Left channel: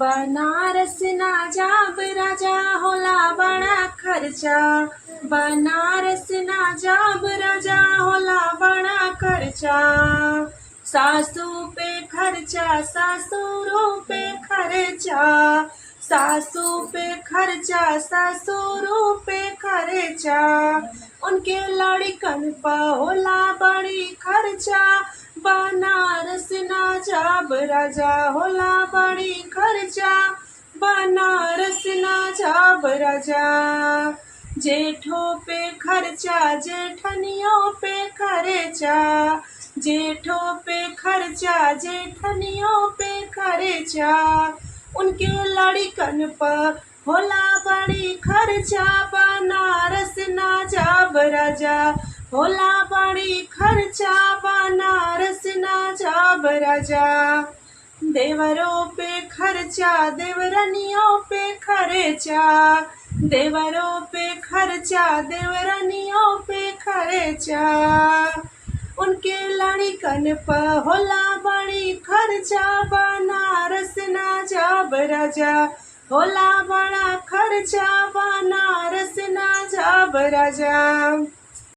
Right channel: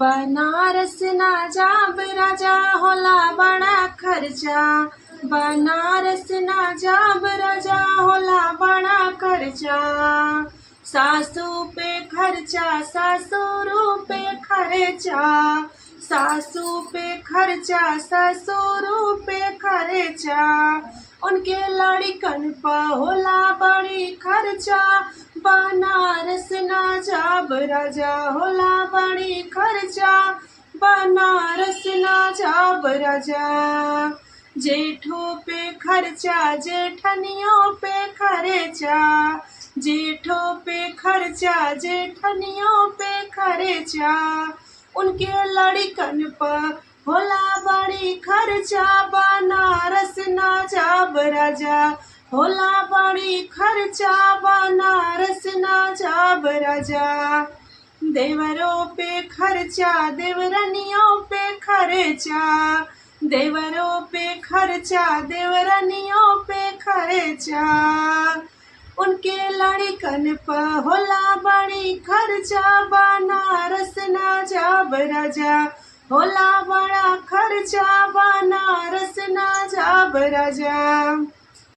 बनारस ना जाब राजा होला बड़ा खर्चा। बनारस ना जाब राजा होला बड़ा खर्चा। सासू पे खर्चा ससुरों पे खर्चा। सासू पे खर्चा ससुरों पे खर्चा। उनके लड़कन पर होला बड़ी खर्चा। बनारस ना जाब राजा होला बड़ी खर्चा। बनारस ना जाब राजा। जेठों पे खर्चा जेठनियों पे खर्चा। जेठों पे खर्चा जेठनियों पे खर्चा। उनके लड़कन पर होला बड़ी खर्चा। बनारस ना जाब राजा होला बड़ी खर्चा। बनारस ना जाब राजा। देवरों पे खर्चा देवरनियों पे खर्चा। देवरों पे खर्चा देवरनियों पे खर्चा। उनके लड़कन पर होला बड़ी खर्चा। बनारस ना जाब राजा होला बड़ा खर्चा। बनारस ना जाब राजा।